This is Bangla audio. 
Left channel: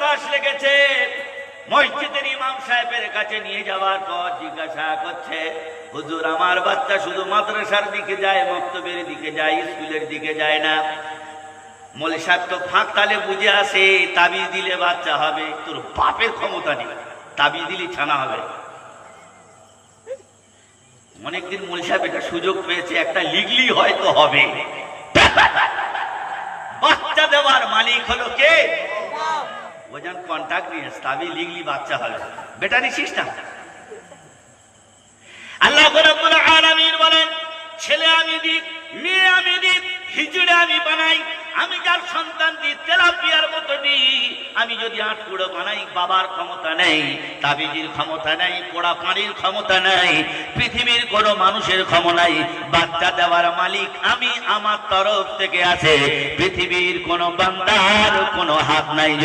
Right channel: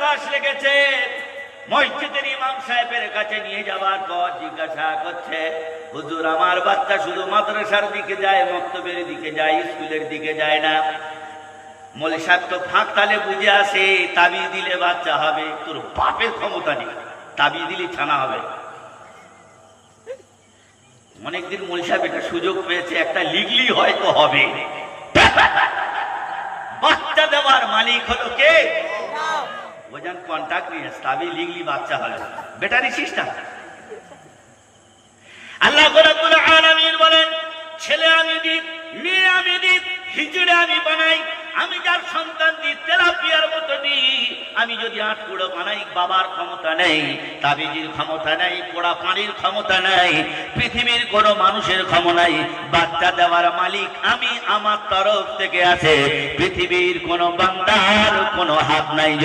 বাতাস লেগেছে। মসজিদের ইমাম সাহেবের কাছে নিয়ে যাওয়ার পর জিজ্ঞাসা করছে, হুজুর আমার বাচ্চা শুধু মাদ্রাসার দিকে যায়, মক্তবের দিকে যায়, স্কুলের দিকে যায় না। মৌলভী সাহেব তো ফাঁক তালে বুঝে আসে, তাবিজ দিলে বাচ্চা হবে। তোর বাপের ক্ষমতা নেই, তাবিজ দিলে ছানা হবে। অনেকদিন মৌলভী সাহেব এটা সুযোগ পেয়েছে, একটা লিগলি হয়তো হবে। বাচ্চা দেওয়ার মালিক হলো কে? বোঝান কন্ট্রাক্ট নিয়ে তাবিজ লিগলি বাচ্চা হলো। বেটা নিছিস না? আল্লাহ রাব্বুল আলামিন বলেন, ছেলে আমি দিই, মেয়ে আমি দিই, হিজড়ে আমি বানাই, আমি যার সন্তান দিই তেলাপিয়ার মতো দিই। আমি যদি আটকুড়ো বানাই, বাবার ক্ষমতা নেই, তাবিজের ক্ষমতা নেই, পোড়া পানির ক্ষমতা নেই, পৃথিবীর কোনো মানুষের ক্ষমতা নাই। বাচ্চা দেওয়ার মালিক আমি, আমার তরফ থেকে আছে, পৃথিবীর কোনো বান্দার কোনো হাত নাই।